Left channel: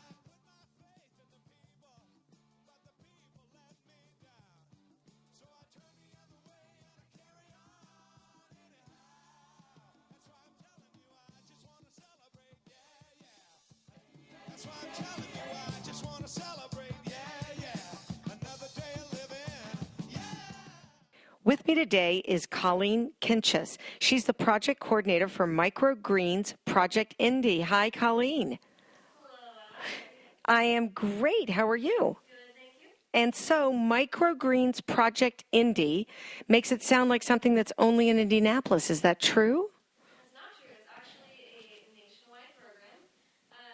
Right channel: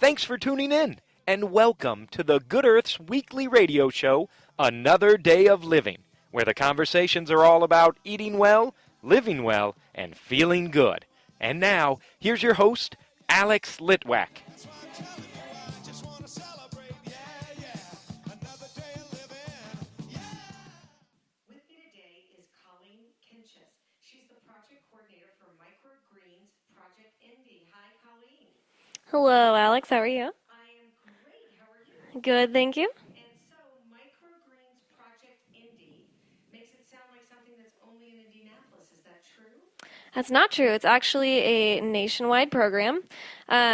Thanks for tuning in, and welcome to the Good Earth's weekly radio show, Another Day of Living, where the conversations are all about eating well, living well, and feeling good. And now, here's your host, Alex Litwack. With me today is Colleen Kinchus. She's the project coordinator for Microgreens Project Indy. Hi, Colleen. Hello, Alex. How are you? I am great. How are you? Good, thank you. And so Microgreens Project Indy makes it sound like something that's only in Indianapolis. Is that true? That's not true. It's actually a nationwide program.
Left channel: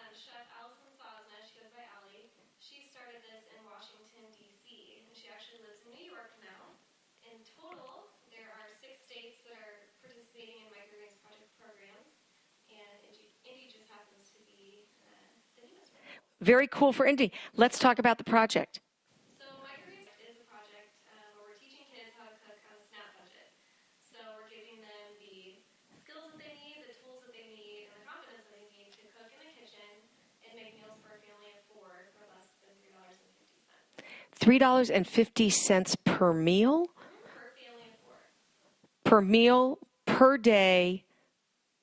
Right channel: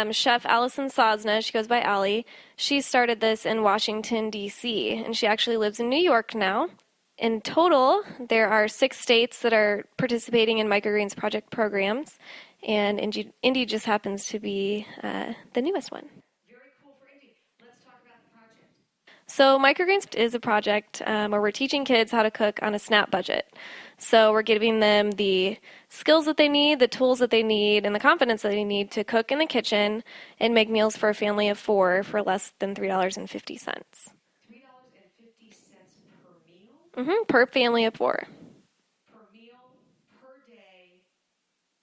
Chef Allison Sosna, she goes by Allie, she started this in Washington, D.C., and she actually lives in New York now. In total, there are 6 states that are participating in Microgreens Project programs, and Indy just happens to be the newest one. Very cool for Indy. Let's talk about the project. So Microgreens is a project where we're teaching kids how to cook on a SNAP budget. So we're giving them the skills that they need, the tools that they need, and the confidence that they need to cook in the kitchen and make meals for a family of 4 for less than $3.50. $3.50 per meal? Per family of 4. Per meal, per day,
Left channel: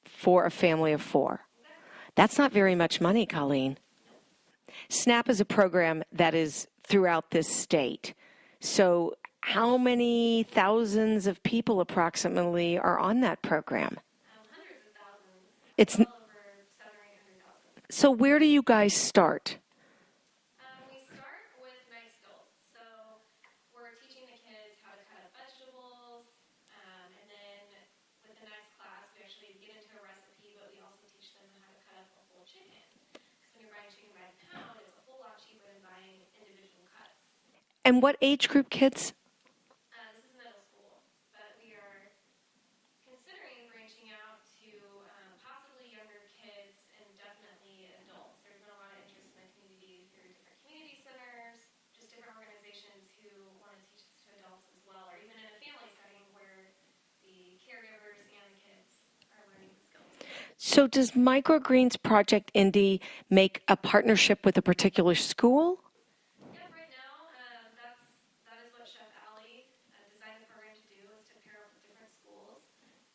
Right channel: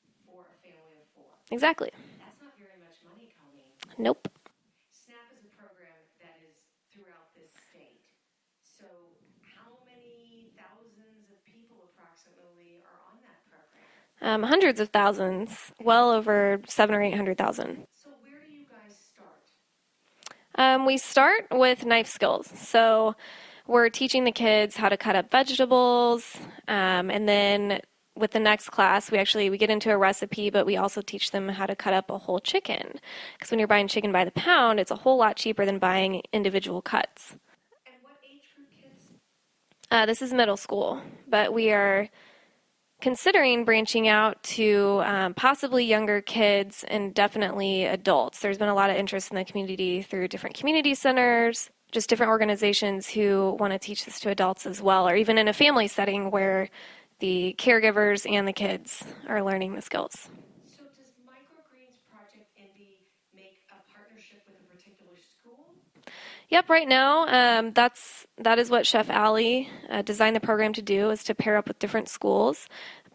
for a family of 4. Exactly. That's not very much money, Colleen. Nope. SNAP is a program that is throughout this state. So how many thousands of people approximately are on that program? Hundreds of thousands, well over 700,000 or 800,000. So where do you guys start? We start with knife skills. So we're teaching the kids how to cut up vegetables, and then with the next class, we get into a recipe, but we also teach them how to cut up a whole chicken. Because when you're buying chicken by the pound, it's a whole lot cheaper than buying individual cuts. And what age group kids? This is middle school, but we are considering branching out to possibly younger kids and definitely adults. There's been a lot of interest in the community through different community centers, just different organizations who want to teach this to adults as well, or even in a family setting where the caregivers and the kids are learning the skills. So does Microgreens Project Indy make a partnership with a particular school? Yep, right now that is what Chef Allie designed the program to do, is to pair up with different schools.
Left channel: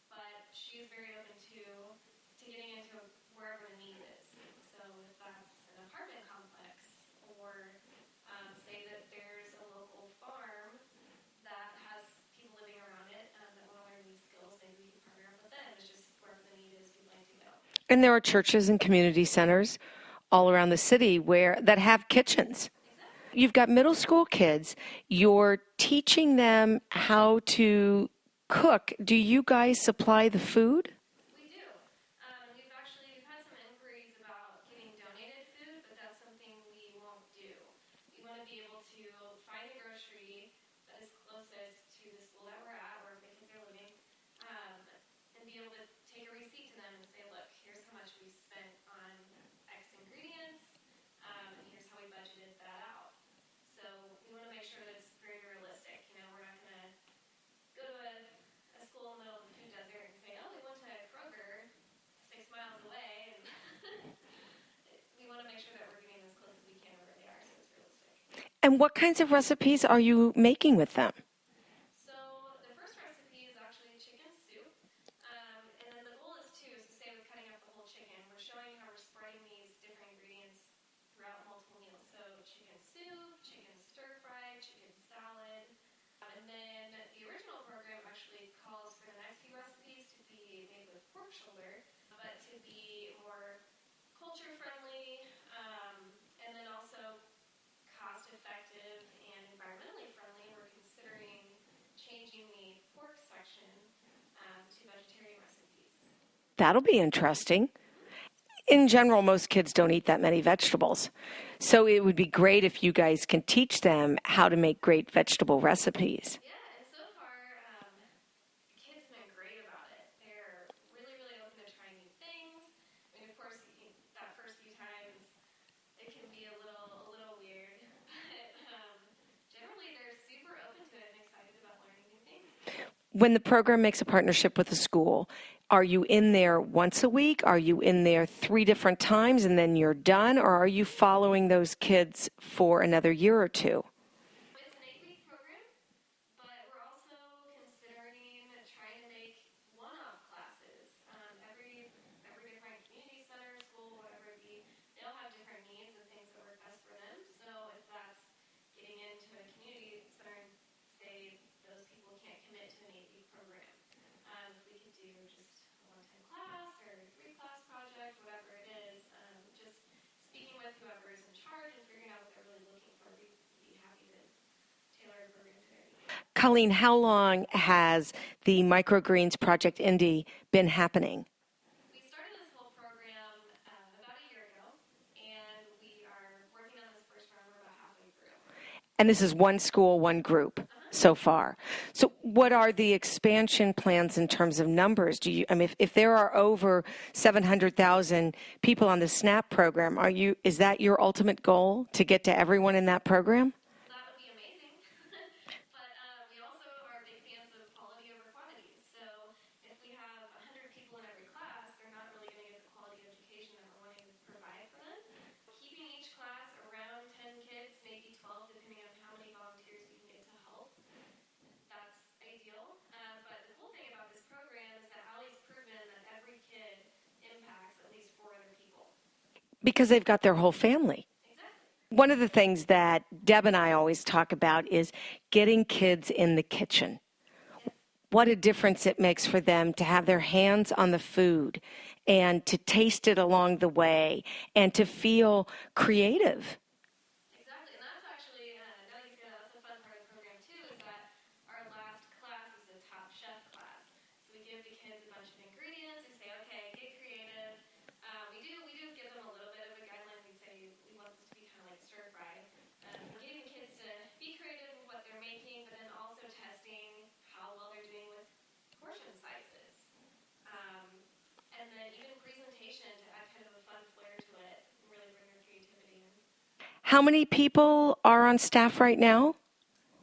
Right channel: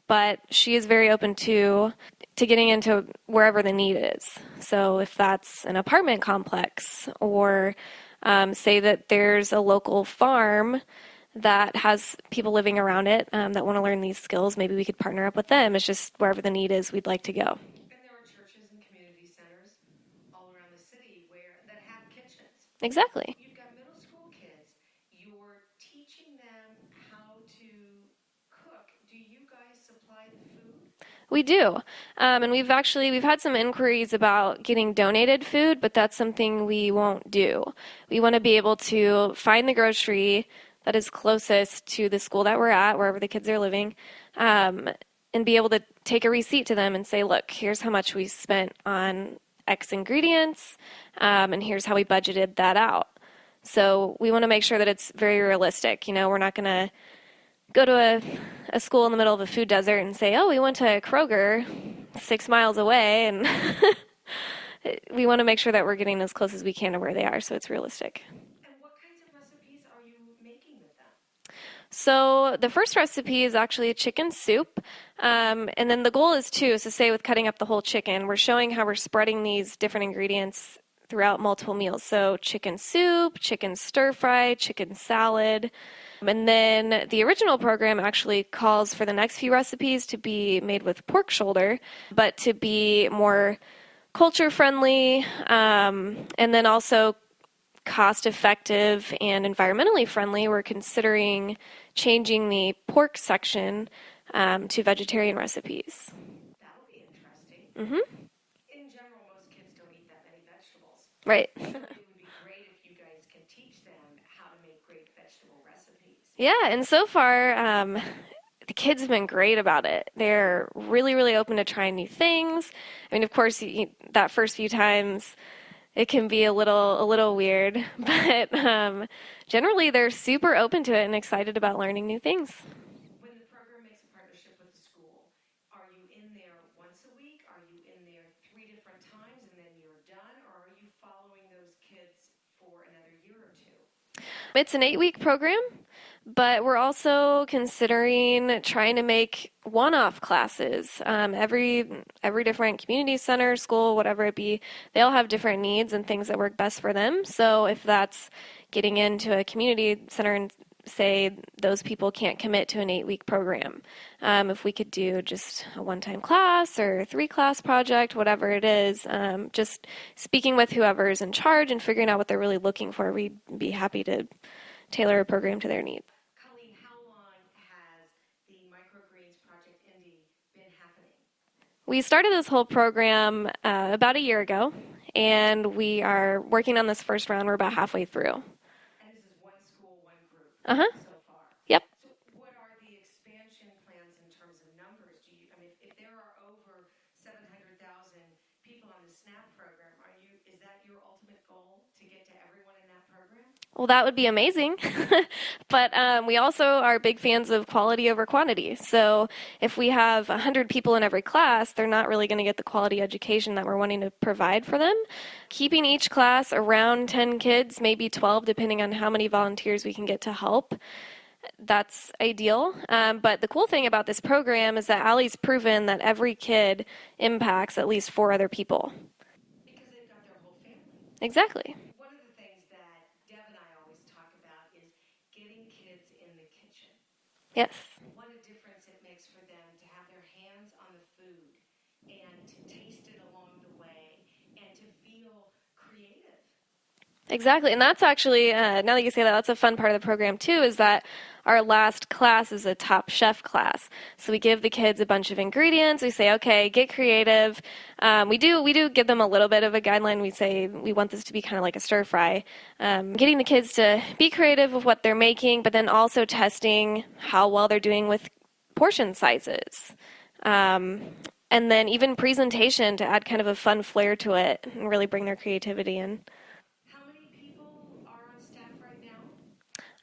But she is very open to getting into wherever the need is. So if that's an apartment complex, or say that there's a local farm that has people living around it that want to learn these skills, maybe we could partner up with them. It's just wherever the need is, we'd like to go. And there are churches and community centers all around the city that have kitchens. Exactly. You've got middle school kids. You're teaching them how to cook. Do you guys supply the food? We do. And we've had some inquiries about getting donated food, but that's something we won't do. We want to be able to find the grocery that is closest to the school that we're at, wherever the kids are living, and be able to take a receipt to them and say, look, here's how much we spent on X ingredients, and here's how we budgeted that out. So we want to make sure that it's very realistic. You know, we're not going to go to a school in the middle of a food desert and say, oh, we went to Kroger 6 miles away, and we want to make sure that we're getting as close as we can to where they are, so it's realistic. And what kinds of recipes are you making with them? So the first recipe is actually a chicken soup, and then the goal is to say with cutting up the whole chicken, we're showing how we're spreading these different ingredients throughout multiple meals. So chicken soup, chicken stir fry, chicken salad. And then the original program actually calls for the next few recipes to be made with pork shoulder, but to be more culture friendly, and then also cost effective and environmentally friendly. We're considering changing the pork section to vegetarian recipes. That'll be interesting. Mm-hmm. In general, most kids don't eat that many vegetables. Right. So it would be great if you guys can teach them how to make great vegetable recipes. Yeah, and so far, the kids have been great about it. They're really, really open to trying new things. I mean, of course, that first few times, it can be a little weird, but generally they're super open to it and excited about learning new things. When the program makes a partnership with a school, Are you in there once a week? Are you in there 3 different times and then you're done? Or are you following those kids for another year or 2? It's an 8-week program, but we're also considering trying to make one-off classes. Every different community center, school, whatever it be, they all have different needs and things that work best for them. So if that's getting into a community center and say those people can't commit to an 8-week program, if we could do just a one-time class or a 3-class project, whatever it is, just speaking with whoever's in charge and figuring out what they're really looking for, we'd be happy to tailor a program to their needs. Colleen, how long has the Microgreens Project Indy been happening? We started this whole program about a year ago, and we are working on this first round. We're about halfway through. And this is one school, one group so far. Yep. So what are the expansion plans in terms of numbers? If there are over 700,000 people on the SNAP program, is that your ultimate goal, to get to everyone in that program? Well, that would be amazing. But we also are big fans of quality over quantity. So if we have 100 people in every class, they're not really going to get the quality education that we're wanting to provide for them. Keeping each class around 10 kids, maybe 12, depending on how many volunteers we can get to help, that's ideal. But the cool thing about this program is that Allie's proven that every kid impacts at least 4 other people. Because they've got their whole family. Exactly. One of the things that Deb and I always talk about is getting kids in the kitchen. Yes. What a difference it makes for them to have their hands on the food and to taste it along the way and to feel creative. Exactly. And that's actually, now that you say that, that's a fun part of the program too, is that our last class is a Top Chef class. So we give the kids a bunch of ingredients. We say, okay, get creative. We do give them a little bit of a guideline. We say we want this to be kind of like a stir fry. Getting the kids to be creative with what they're making, but then also testing how well they're doing with portion sizes. And then even presentation to add kind of a fun flair to it and really bring their creativity in. How many people are on staff right now?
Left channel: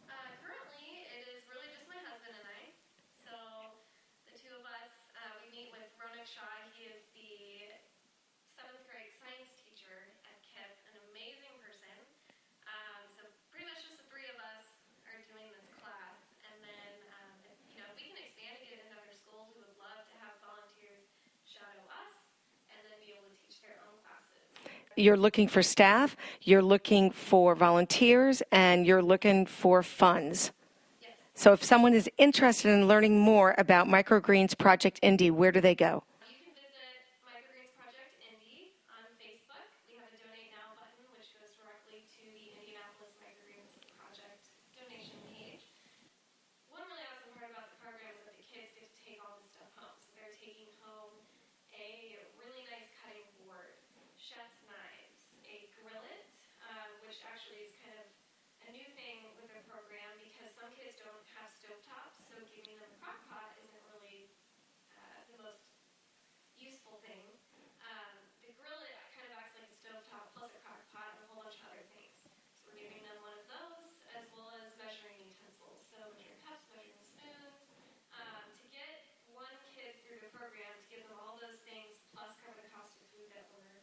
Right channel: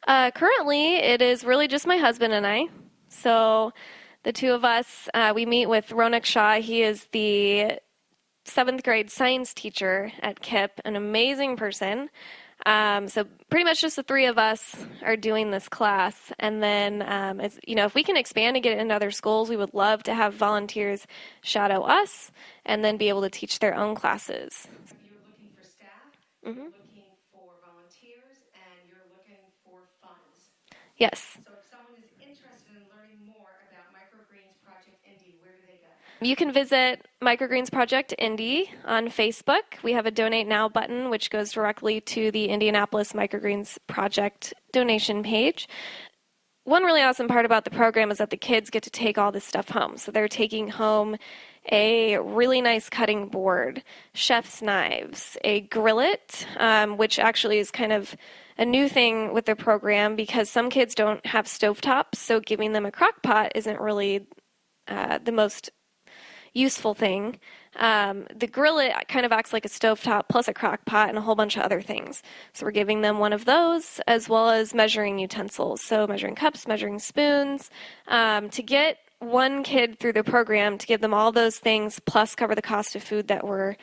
Currently, it is really just my husband and I. So the two of us, we meet with Ronak Shah. He is the 7th grade science teacher at KIPP, an amazing person. So pretty much just the 3 of us are doing this class. And then, if we can expand and get it into other schools, we would love to have volunteers shadow us and then be able to teach their own classes. You're looking for staff, you're looking for volunteers, and you're looking for funds. Yes. So if someone is interested in learning more about Microgreens Project Indy, where do they go? You can visit Microgreens Project Indy on Facebook. We have a Donate Now button, which goes directly to the Indianapolis Microgreens Project donation page. One really awesome part about the program is that the kids get to take all this stuff home. So they're taking home a really nice cutting board, chef's knives, a grillet, which actually is kind of a new thing with the program because some kids don't have stovetops, so giving them a crock pot isn't really the most useful thing. The grillet kind of acts like a stovetop plus a crock pot and a whole bunch of other things. So we're giving them one of those as well as measuring utensils, so measuring cups, measuring spoons, to get one kid through the program, to give them all those things plus cover the cost of food that we're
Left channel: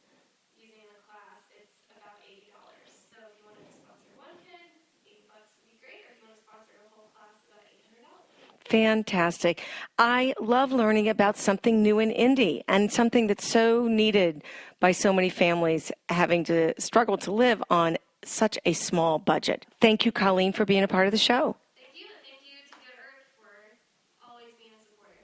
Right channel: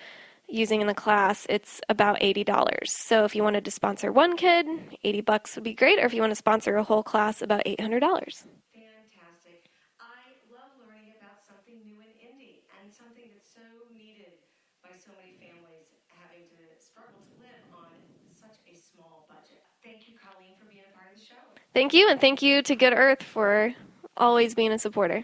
using in the class. It's about $80. So if you wanted to sponsor one kid, $80 would be great, or if you want to sponsor a whole class, about $800. Fantastic. I love learning about something new in Indy and something that's so needed by so many families having to struggle to live on such a small budget. Thank you, Colleen, for being a part of the show. Thank you, and thank you to Good Earth for always being a supporter.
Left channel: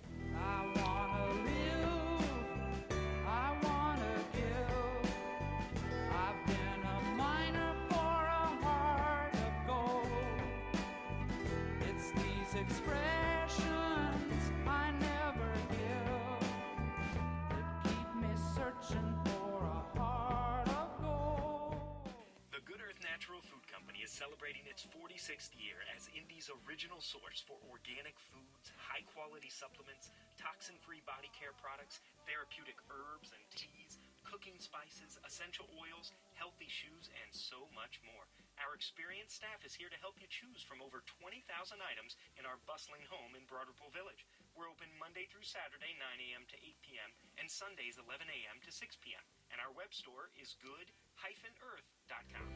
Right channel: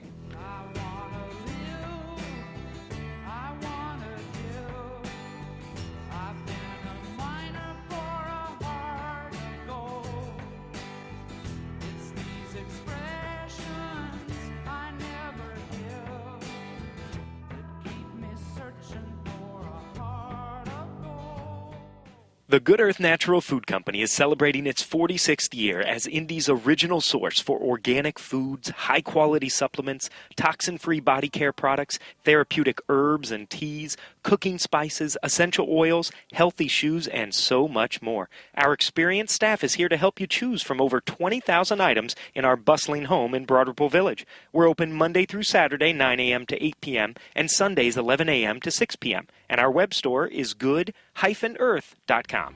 The Good Earth Natural Food Company is celebrating its 46th year as Indy's original source for organic foods, high-quality supplements, toxin-free body care products, therapeutic herbs and teas, cooking spices, essential oils, healthy shoes, and so much more. Our experienced staff is here to help you choose from over 20,000 items in our bustling home in Broad Ripple Village. We're open Monday through Saturday, 9 a.m. to 8 p.m., and Sundays, 11 a.m. to 6 p.m., and our web store is good-earth.com.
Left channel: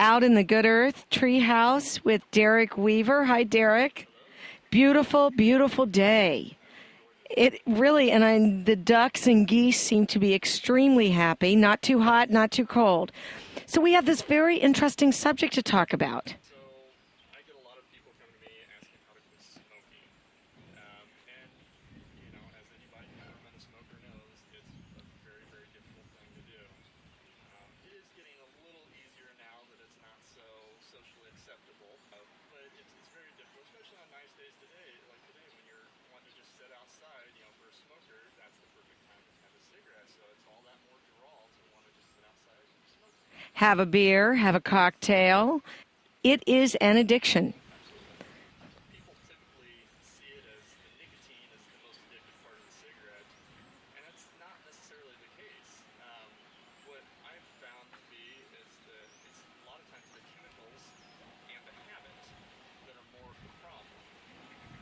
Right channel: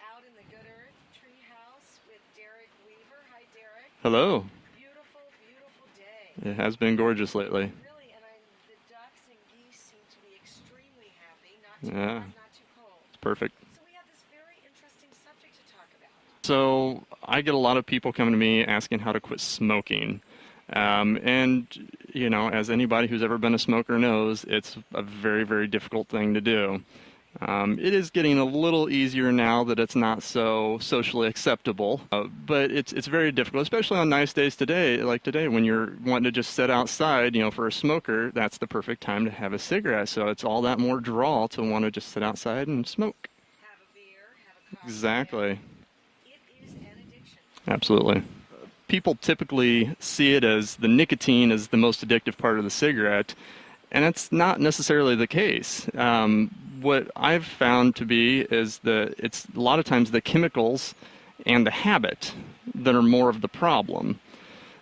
Out in the Good Earth Treehouse with Derek Weaver. Hi, Derek. Hello. Beautiful, beautiful day. It has been gorgeous lately. It really, and the ducks and geese seem to be extremely happy. Not too hot, not too cold. Perfect. So we have this very interesting subject to talk about. So I get a lot of people coming to me asking how to quit smoking. And, you know, as anybody who's ever been a smoker knows, it's a very, very difficult thing to do. It is getting a little easier now that it's not so socially acceptable, but it's very difficult, especially on nice days today, like today when you're wanting to just sit outside. You know, for a smoker, that's the perfect time to have a cigarette. So it's all that more draw to want to just sit outside and smoke. Have a beer, have a cocktail. Exactly. It is an addiction. Absolutely. People typically see it as the nicotine is the most addictive part of the cigarette, and that's not necessarily the case. What I've found to be is that it's a lot of times the chemicals and the habit that are more of the problem.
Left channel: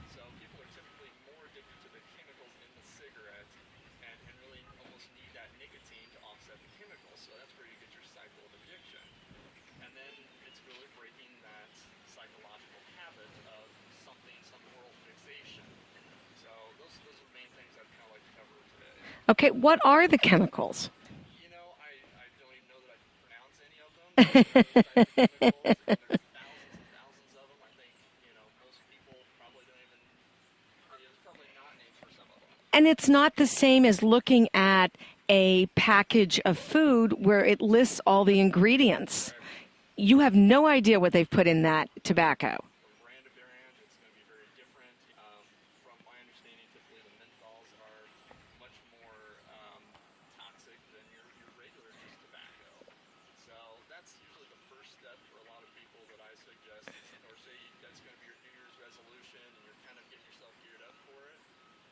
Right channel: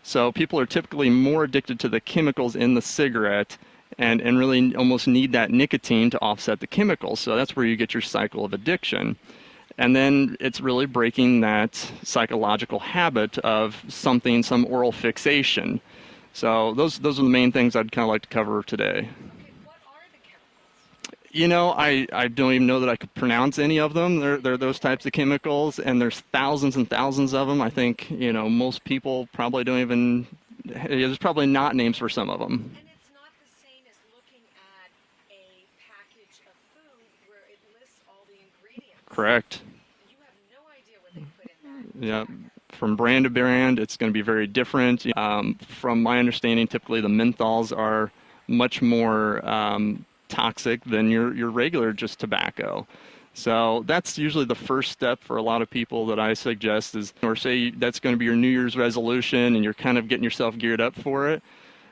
So people are typically more addicted to the chemicals in the cigarette and really almost need that nicotine to offset the chemicals. So that's where you get your cycle of addiction. And then it's really breaking that psychological habit of something, some oral fixation. So those are the main things I'd kind of like to cover today. Okay, what are the chemicals? You know, I don't even know that I could pronounce any of them. They're those types of chemicals, and there's thousands and thousands of them. I think, you know, most people probably don't even, there's probably not names for some of them. And it's not the same as looking at a package of food where it lists all the ingredients. Correct. You have no idea what they've put in that tobacco. From brand to brand, it's going to be very different. From my understanding, typically the menthols are much more toxic than your regular just tobacco. So that's usually the first step for a lot of people that I suggest is, or say that's going to be your New Year's resolution and you're kind of getting yourself geared up for it.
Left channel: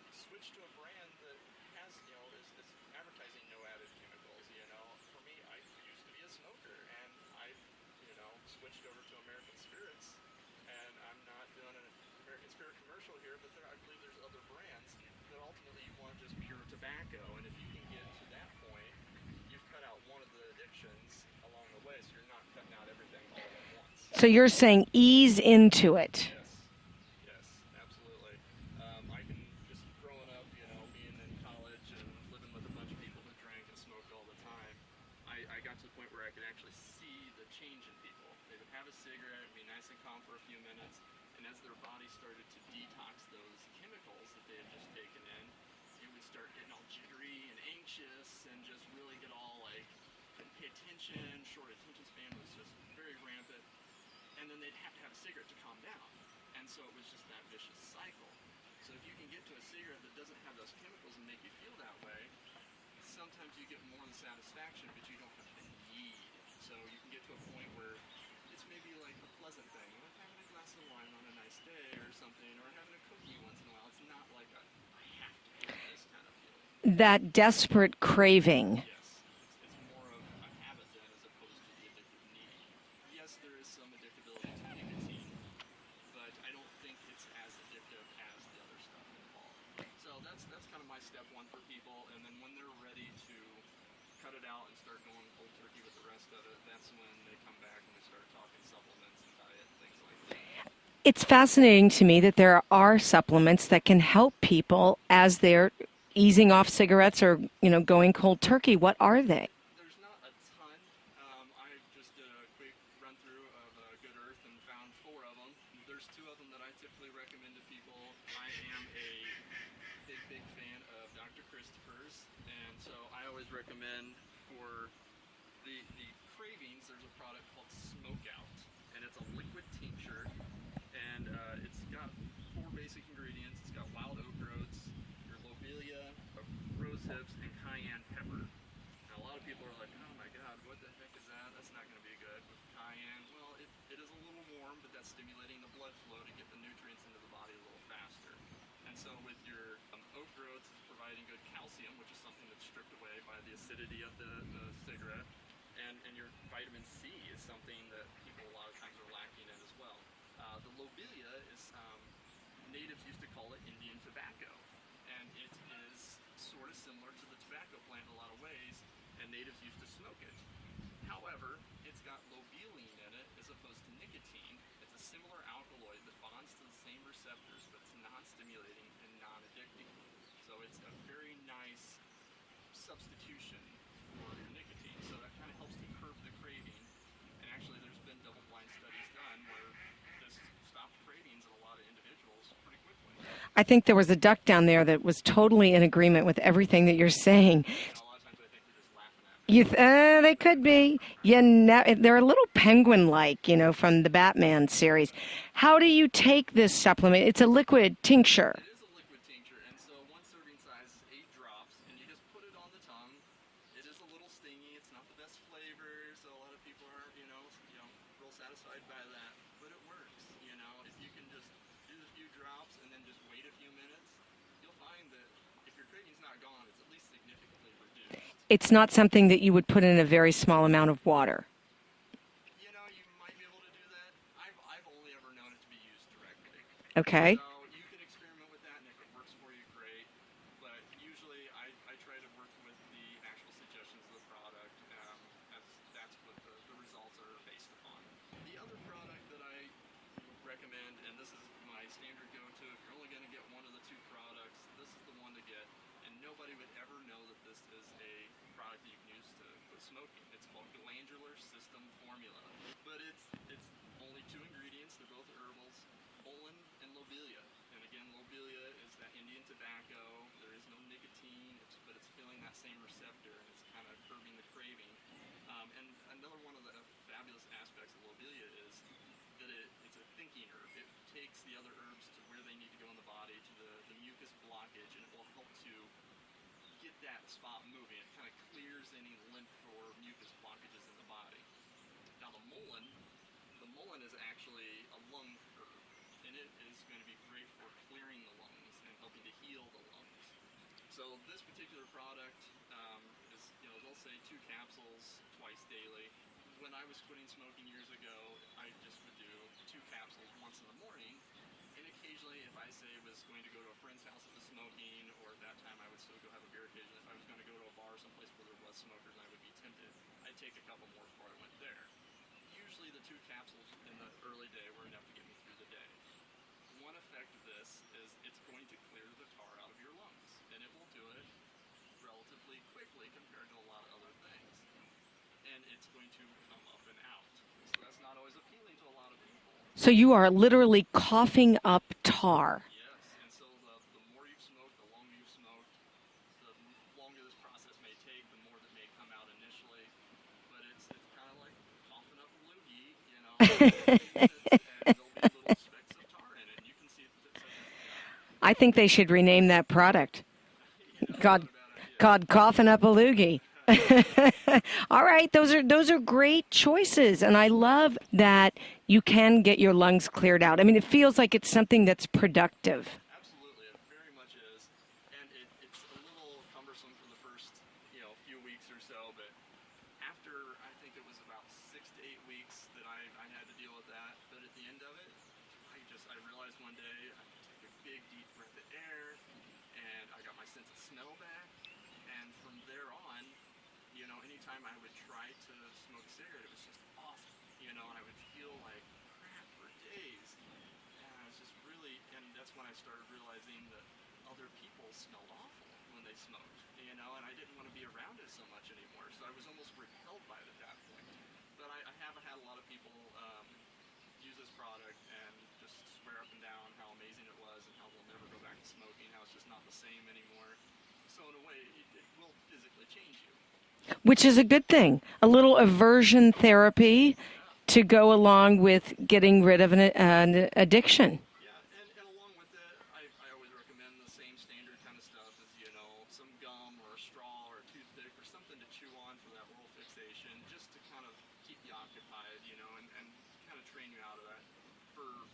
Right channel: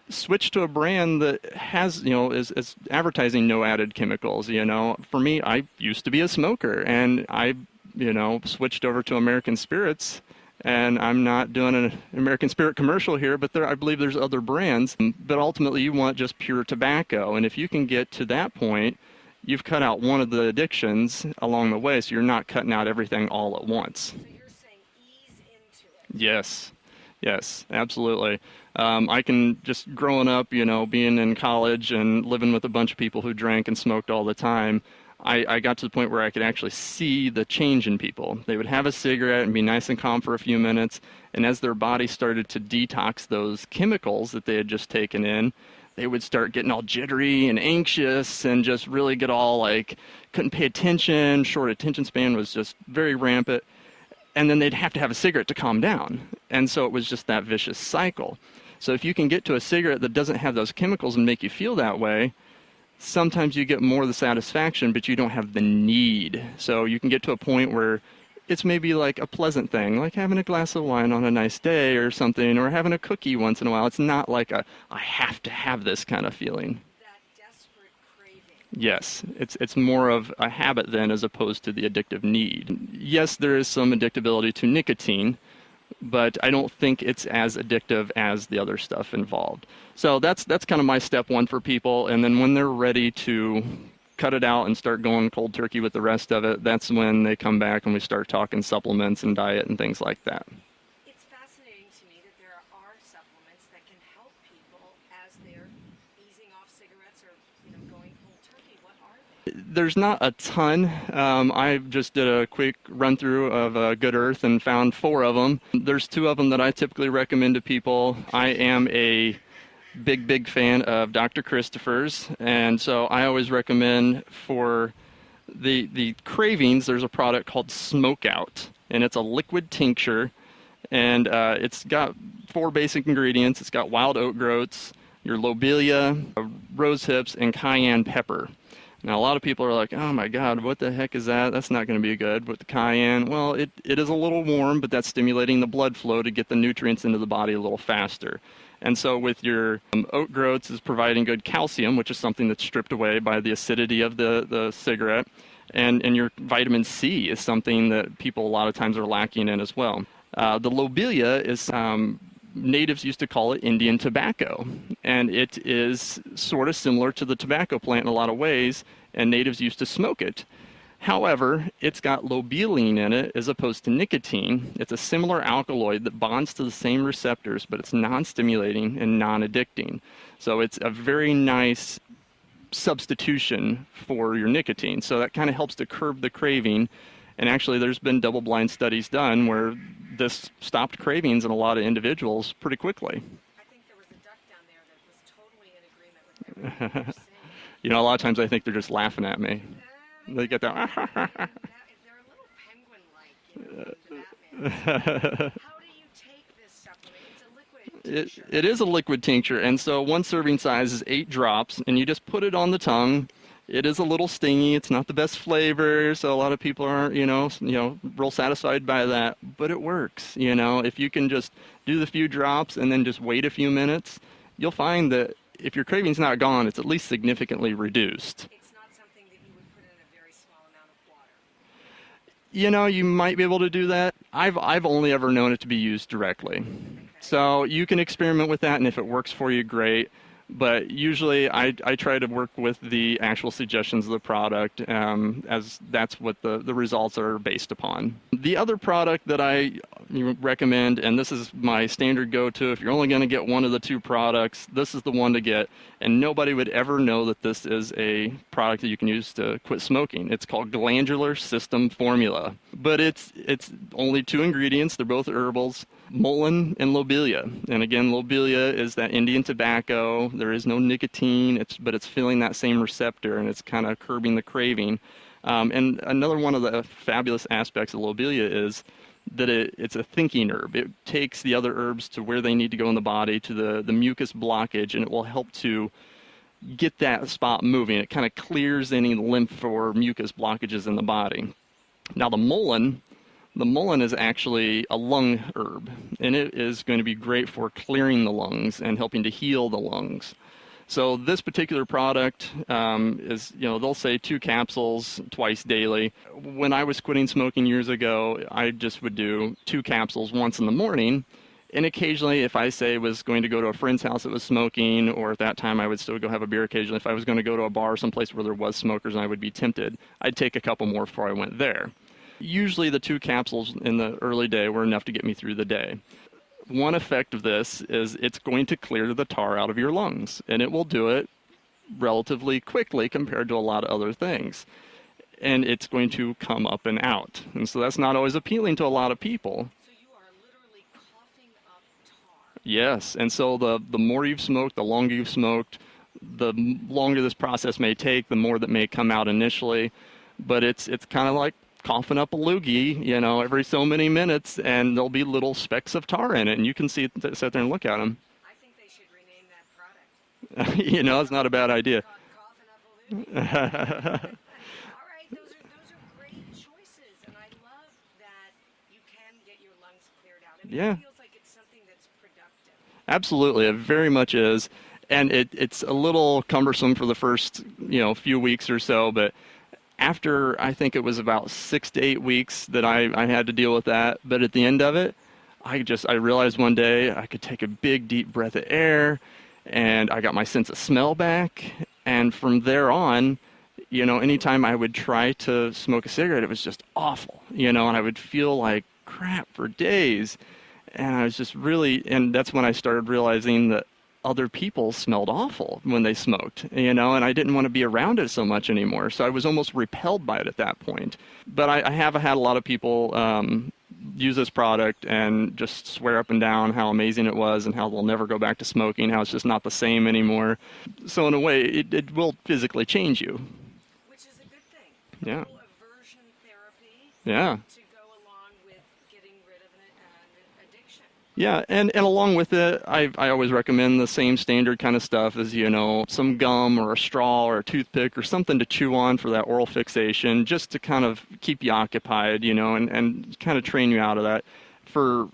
Switch to a brand that has, you know, is advertising no added chemicals. You know, for me, I used to be a smoker and I, you know, switched over to American Spirits. And I'm not doing an American Spirit commercial here, but I believe there's other brands. But ultimately, you want just pure tobacco. And if you can get to that point, you've cut out one of the addictions along the way, so you're not cutting out everything all at once. So you're saying ease into it. Yes, absolutely. I can just growing up, you know, being in college and living with a bunch of people who drank and smoked all the time, I got to the point where I could actually see the change in people. They would have a cigarette and be nice and calm for a few minutes, and as their body started to detox those chemicals that they had just taken in, they would start getting all jittery and anxious and just really get all like, couldn't pay attention, short attention span was just very rampant, and then they'd have to have a cigarette to calm down. And so it was just that vicious cycle. So if you can get to a cigarette that doesn't have those chemicals and make you feel that way, sometimes you get more of the satisfaction, but you don't have the need. So you can get to a point where it's maybe like a pleasant thing, like having a glass of wine on a nice day or something, or having a cookie once in a while. It's not like I have to have this kind of feeling. That desperate craving. Yes, it's more of a habit then as opposed to the addictive need. Yes, there is some addictability to nicotine, but I don't think it's as addictive as the other stuff involved. So that's kind of my step one for people. And then when they're ready to cut it out and start going cold turkey with the rest of it, that's when they come back and we start talking supplements and diet and things like that. It's fascinating to me that there are supplements that can help people as they're easing off cigarettes or, you know, going cold turkey. What are they? There's not a ton. I just did a quick run through of Good Earth and found 4 of them. There's 2 of them that I typically recommend to people. I am a big fan of Dr. Christopher's, and so I always recommend for the cravings, there's a product called Smoke Out, and it's a liquid tincture, and it's got 4 basic ingredients. It's got wild oat groats, your lobelia, rose hips, and cayenne pepper. Now, a lot of people are like, oh my God, what the heck is that? That's not going to be good with the cayenne. Well, it is a little warm, but that's stimulating the blood flow to get the nutrients into the body a little faster. And so with your oat groats is providing good calcium, which is something that's stripped away by the acidity of the cigarette. And your vitamin C is something that people a lot of times are lacking in as well. The lobelia is, natives used to call it Indian tobacco, and it is sort of similar to the tobacco plant in a lot of ways, and natives used to smoke it. However, it's got lobeline in it as opposed to nicotine. It's a similar alkaloid that bonds to the same receptors, but it's non-stimulating and non-addicting. So it's a very nice substitution for your nicotine. So that kind of helps to curb the craving. And actually, there's been double-blind studies done where this stopped cravings in a lot of individuals pretty quickly. I think there was a duck down there that was totally in agreement with everything that you're saying. You know, a lot of times I think they're just laughing at me. They could be. They're a little penguin-like, from the Batman series. How do you take this supplement? It's a liquid tincture. It is a liquid tincture, and so one serving size is 8 drops, and you just put it on the tongue. It is a little stingy. It's not the best flavor, so a lot of people aren't, real satisfied by that. But it works, If you can just do the few drops and then just wait a few minutes, you'll find that if your craving's not gone, it's at least significantly reduced. It's not something that you would put in a very small amount of water. You might be able to do that. I've only ever known it to be used directly. Okay. So you can experiment with that, and if it works for you, great. But usually I try to work with the actual suggestions of the product, as that's what the results are based upon. The other product that I recommend, and this is my standard go-to, if you're only going to get one of the 2 products, this is the one to get. And nobody would ever know that this is a product that you can use to quit smoking. It's called Glandular System Formula. But it's only 2 ingredients. They're both herbals, mullein and lobelia. And again, lobelia is that Indian tobacco. There is no nicotine, but it's filling that same receptor, and it's kind of curbing the craving. And another one of the fabulous aspects of lobelia is that it's a thinking herb. It takes the other herbs to where they need to go in the body, to the mucus blockage, and it will help to get that spot moving. It kind of clears any lymph or mucus blockages in the body. Now the mullein is actually a lung herb, and it is going to be great for clearing the lungs and helping to heal the lungs. So this particular product is, they'll say 2 capsules twice daily. When I was quitting smoking years ago, I just would do 2 capsules once in the morning. And occasionally, if I was going to go to a friend's house that was smoking, or at that time I would still go have a beer occasionally, if I was going to go to a bar someplace where there was smokers and I would be tempted, I'd take a couple more before I went there. Usually the 2 capsules in the early day were enough to get me through the day. One effect of this is it's going to clear the tar out of your lungs, and it will do it relatively quickly compared to a lot of other things. And it's going to come up and out. And so that's not always appealing to a lot of people. So you are literally coughing up tar. Yes, and so the more you've smoked, the longer you've smoked, the longer this process may take, the more that may come out initially. But it's kind of like coughing up a loogie, every so many minutes, and there'll be little specks of tar in it, and you can sit there and look at them. I think they should rename that product. It's not a bad idea. Called coughing up a loogie. All right, those are great choices, and I love that you can get your lungs cleared out. I mean, It feels like it's something that's productive. Absolutely, it very much is, and it's a little cumbersome for the first few weeks or so, but after, I think it was about 6 to 8 weeks that I had to deal with that. But at the end of it, I realized one day I could take a big, deep breath of air, and I got my sense of smell back. And from there on, anytime I would try to smoke a cigarette, it was just awful, and I would feel like crap for days. And I was just and that's when I started realizing that other people smelled awful when they smoked, and I didn't want to be around it so much anymore. So I was almost repelled by it at that point. But I have had a lot of people use this product and just swear up and down how amazing it was and how they'll never go back to smoking, how it's just not the same anymore. So in a way, it will physically change you. which is a good thing. A little aversion therapy to go along with getting rid of an addiction. Yeah, and along with it, I always recommend the same standard kind of stuff as, some gum or a straw or a toothpick or something to chew on for that oral fixation, just to kind of keep you occupied, and kind of train you out of that. For,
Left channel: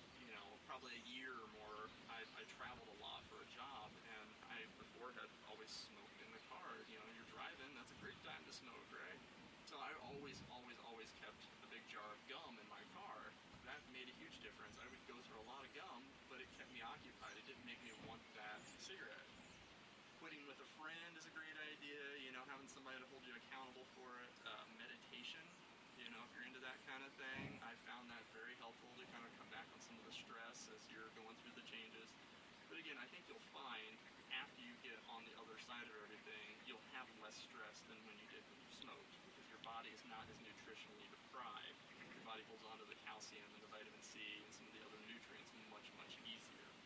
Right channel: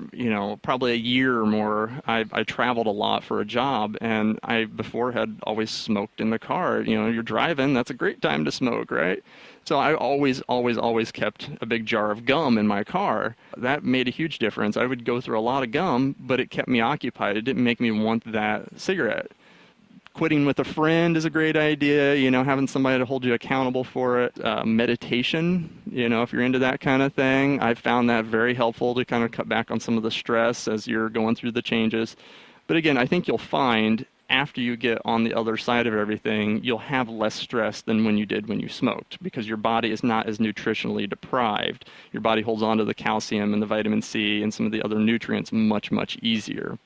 probably a year or more, I traveled a lot for a job, and I before had always smoked in the car. You're driving, that's a great time to smoke, right? So I always kept a big jar of gum in my car. That made a huge difference. I would go through a lot of gum, but it kept me occupied. It didn't make me want that cigarette. Quitting with a friend is a great idea, having somebody to hold you accountable for it. Meditation, if you're into that kind of thing, I've found that very helpful to kind of cut back on some of the stress as you're going through the changes. But again, I think you'll find after you get on the other side of everything, you'll have less stress than when you did when you smoked, because your body is not as nutritionally deprived. Your body holds on to the calcium and the vitamin C and some of the other nutrients much, much easier.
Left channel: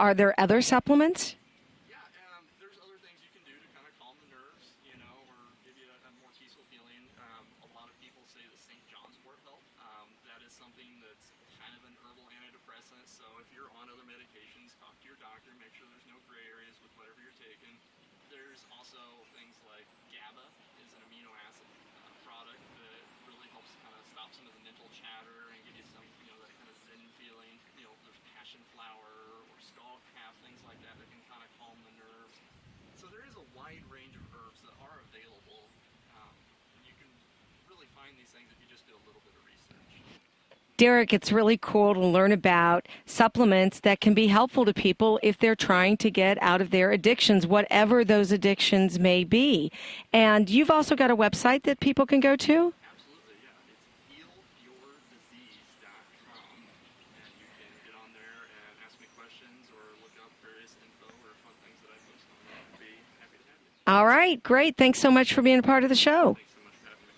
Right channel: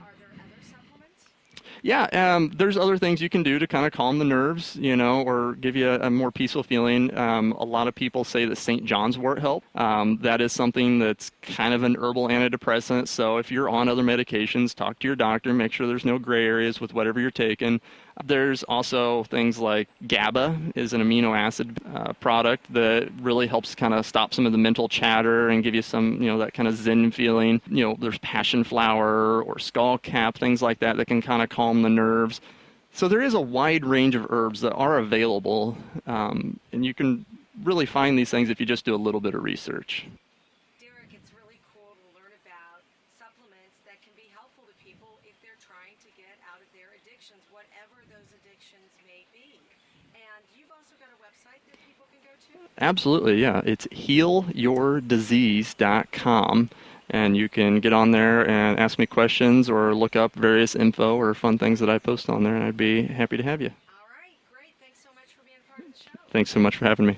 Are there other supplements? Yeah, there's other things you can do to kind of calm the nerves, or give you a more peaceful feeling. A lot of people say that St. John's wort help. That is something that's kind of an herbal antidepressant. So if you're on other medications, talk to your doctor, make sure there's no gray areas with whatever you're taking. There's also things like GABA is an amino acid product that really helps kind of stop some of the mental chatter and give you some, that kind of zen feeling. There's passion flower or skull cap, things like that can kind of calm the nerves. So there is a wide range of herbs that are available, and you can really find these things if you just do a little bit of research. Derek, it's really cool to learn about supplements that can be helpful to people if they're trying to get out of their addictions, whatever those addictions may be. And you've also got a website that people can go to? Absolutely, yeah. It's healyourdisease.com. And you can get on there and ask me questions or look up various info or fun things that I post on there, and I'd be happy to have you. All right, great. Thanks so much for being a part of the show. Thanks so much for having me.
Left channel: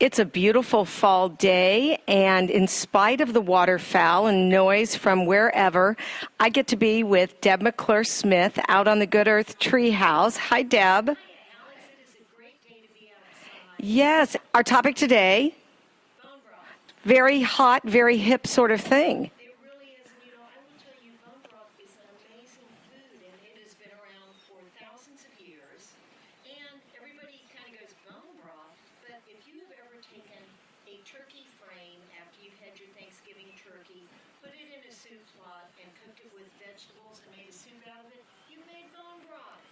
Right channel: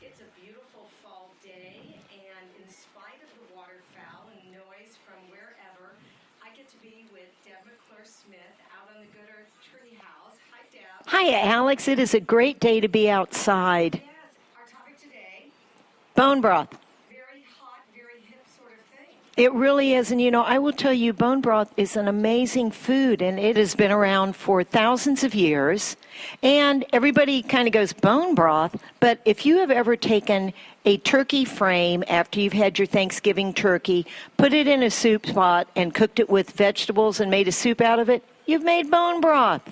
It's a beautiful fall day, and in spite of the waterfowl and noise from wherever, I get to be with Deb Smith out on the Good Earth Treehouse. Hi, Deb. Hi, Alex. It is a great day to be outside. Yes. Our topic today, bone broth. Very hot, very hip sort of thing. It really is. And, I will tell you, bone broth is an amazing food, and it has been around for thousands of years. And everybody kind of goes, bone broth. But if you have ever taken a turkey frame after you've had your Thanksgiving turkey, put it in a soup pot and cooked it with vegetables and made a soup out of it, you've made bone broth.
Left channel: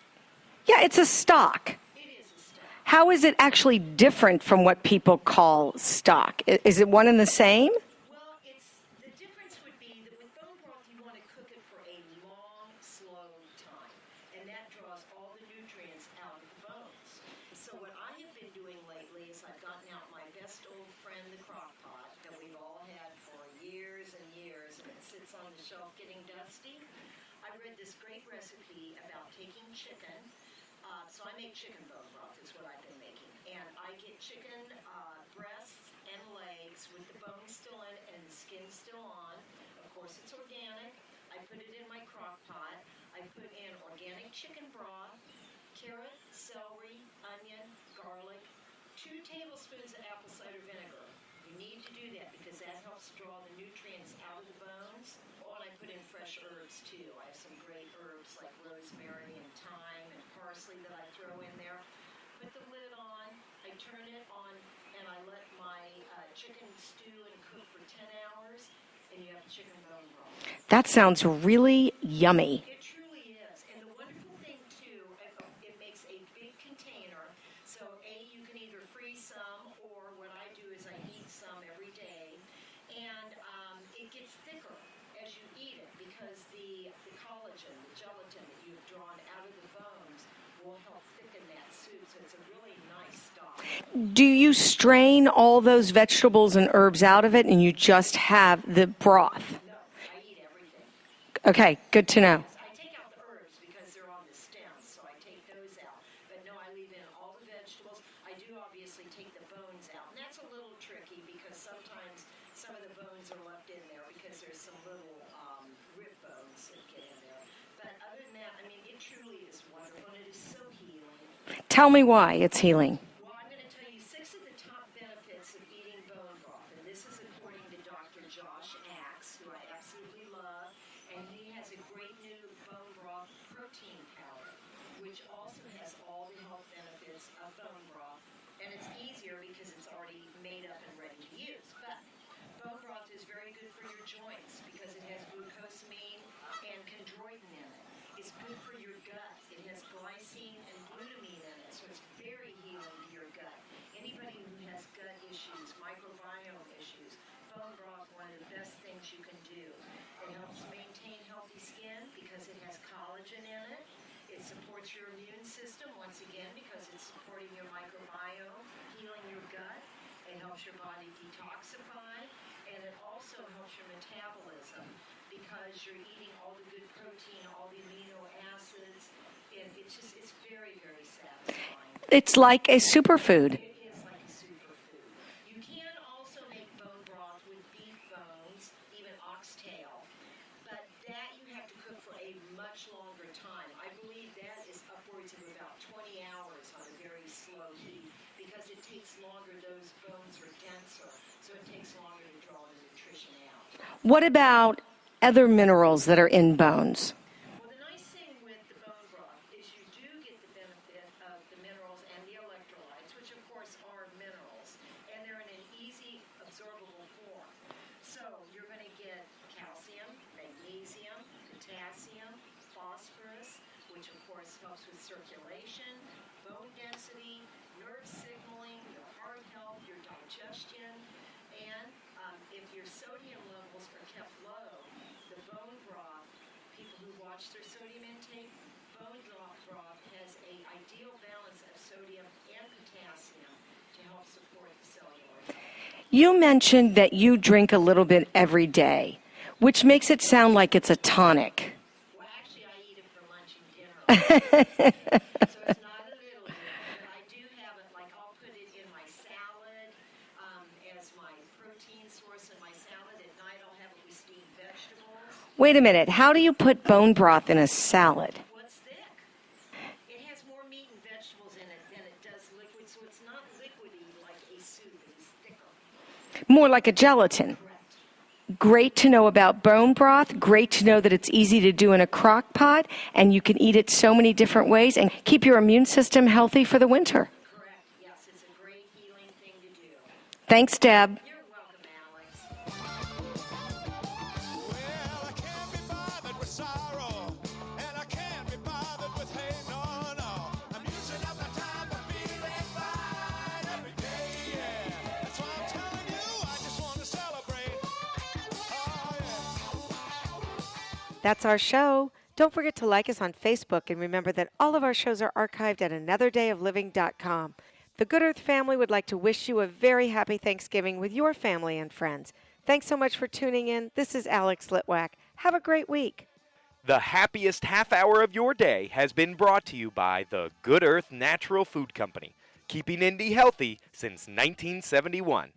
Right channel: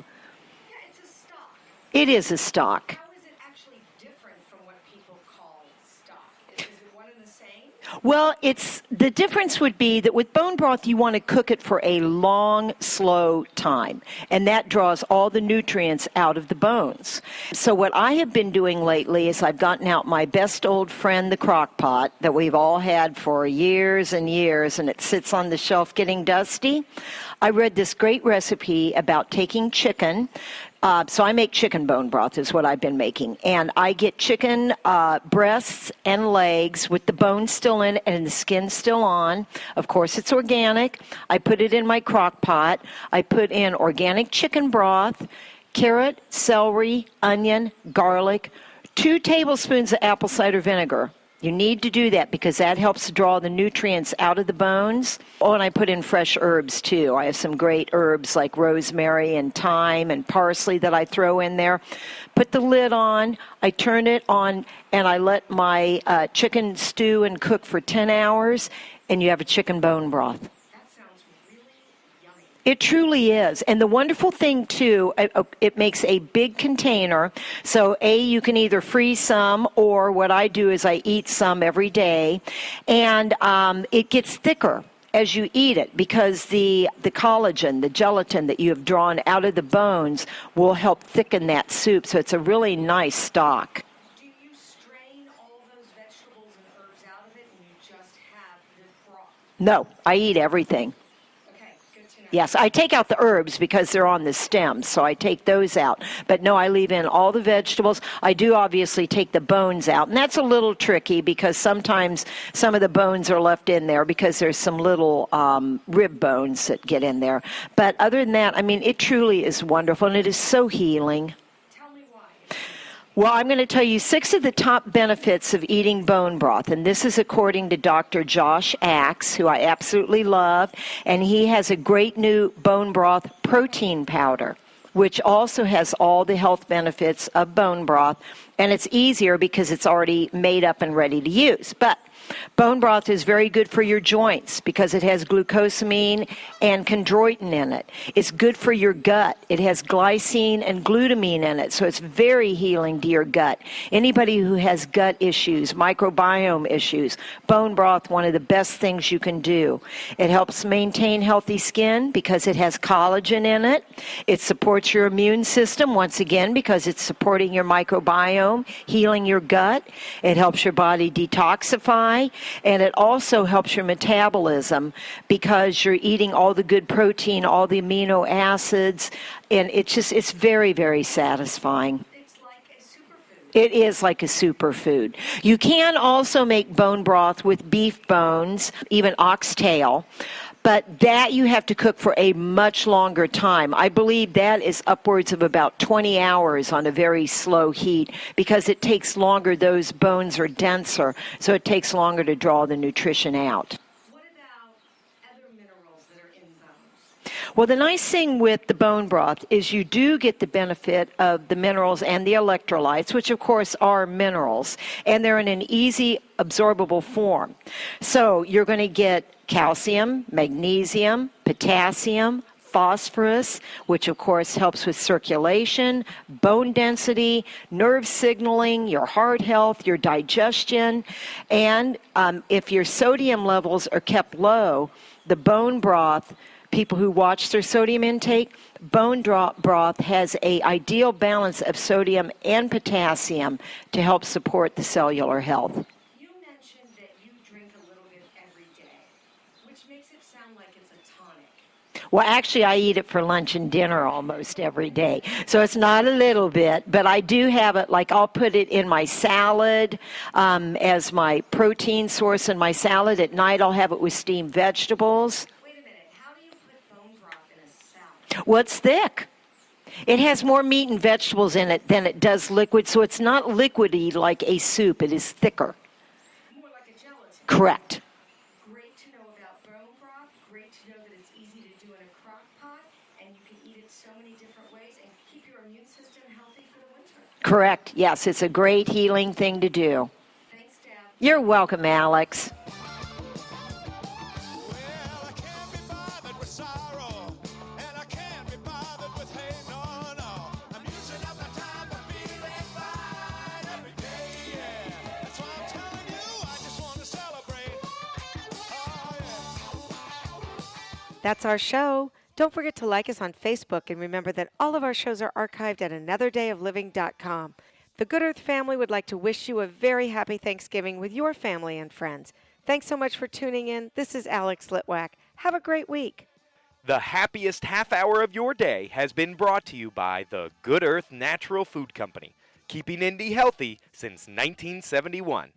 Yeah, it's a stock. It is a stock. How is it actually different from what people call stock? Is it one and the same? Well, the difference would be that with bone broth, you want to cook it for a long, slow time, and that draws all the nutrients out of the bones. So what I have been doing lately is I've gotten out my best old friend, the crock pot, that we've all had for years and years, and it sits on the shelf getting dusty. I read this great recipe about taking chicken. So I make chicken bone broth is what I've been making. And I get chicken breasts and legs with the bone still in and the skin still on. Of course, it's organic. I put it in my crock pot. I put in organic chicken broth, carrot, celery, onion, garlic, 2 tablespoons of apple cider vinegar. You need to do that because that helps to draw the nutrients out of the bones. Oh, and I put in fresh herbs, too. I have some great herbs like rosemary and thyme and parsley that I throw in there. Put the lid on. I turn it on, and I let my chicken stew and cook for 10 hours, and you have a chicken bone broth. That sounds really yummy. It truly is. And the wonderful thing, too, it makes a big container. So, you can either freeze some, or what I do is I eat some every day. And it gets thicker as you eat it because the collagen, the gelatin that you have drawn out of the bones will help thicken that soup. So it's a really nice stock. Do you strain all those vegetables and herbs out of it and you just have the broth? No, I eat everything. Okay, good to know. Yes, I take out the herbs because they're on the stems, so I take those out. But no, I leave in all the vegetables. I do obviously take the bones out, and that's a little tricky because sometimes some of the bones are left in there because there's some little rib bones that get in there. But other than that, I mean, it truly is wonderful, and it is so healing. Tell me why it's healing. Well, I'm going to tell you 6 of the top benefits of eating bone broth, and this is according to Dr. Josh Axe, who I absolutely love, and he has a great new bone broth protein powder, which also has all the health benefits of bone broth, and it's easier because it's already made up and ready to use. But bone broth is very good for your joints because it has glucosamine and chondroitin in it. It's good for your gut. It has glycine and glutamine in it, so it's very healing to your gut. Anybody who has gut issues, microbiome issues, bone broth, one of the best things you can do. It helps maintain healthy skin because it has collagen in it. It supports your immune system, once again, because it's supporting your microbiome, healing your gut. It helps your body detoxify. And it also helps your metabolism because you're eating all the good protein, all the amino acids, and it's very, very satisfying. It's like a superfood. It is like a superfood. You can also make bone broth with beef bones, even oxtail. But that you have to cook for a much longer time. I believe that is upwards of about 20 hours on a very slow heat because it takes longer. Those bones are denser, so it takes longer to draw the nutrition out. What about other minerals that are in bones? Well, the nice thing with the bone broth is you do get the benefit of the minerals and the electrolytes, which of course are minerals, and they're in an easy absorbable form. So you're going to get calcium, magnesium, potassium, phosphorus, which of course helps with circulation, bone density, nerve signaling, your heart health, your digestion, and if your sodium levels are kept low, the bone broth, people who watch their sodium intake, bone broth has an ideal balance of sodium and potassium to help support the cellular health. You mentioned that you drink a little bit every day, which makes it sound like it's a tonic. Well, actually, I eat it for lunch and dinner almost every day. So it's not a little bit, but I do have it, like I'll put it in my salad as my protein source in my salad. At night, I'll have it with steamed vegetables. Wait a minute. How do you put bone broth in a salad? Well, it's thick. It has more meat and vegetables in it than it does liquid, so it's not liquidy like a soup. It is thicker. More like a gelatin. Correct. Great to know about bone broth. Great to know that it's easy to do in a crock pot, and you can eat it so many different ways and keep your immune system healthy for the winter. Correct. Yes, it's a great healing thing to do. Thanks, Deb. You're welcome, Alex. That's our show. Don't forget to like us on Facebook, and remember that all of our shows are archived at anotherdayofliving.com. The Good Earth family would like to wish you a very happy Thanksgiving with your family and friends. Thanks so much for tuning in. This is Alex Litwack. Have a great week. The happiest half hour of your day has been brought to you by the Good Earth Natural Food Company, keeping Indy healthy since 1971.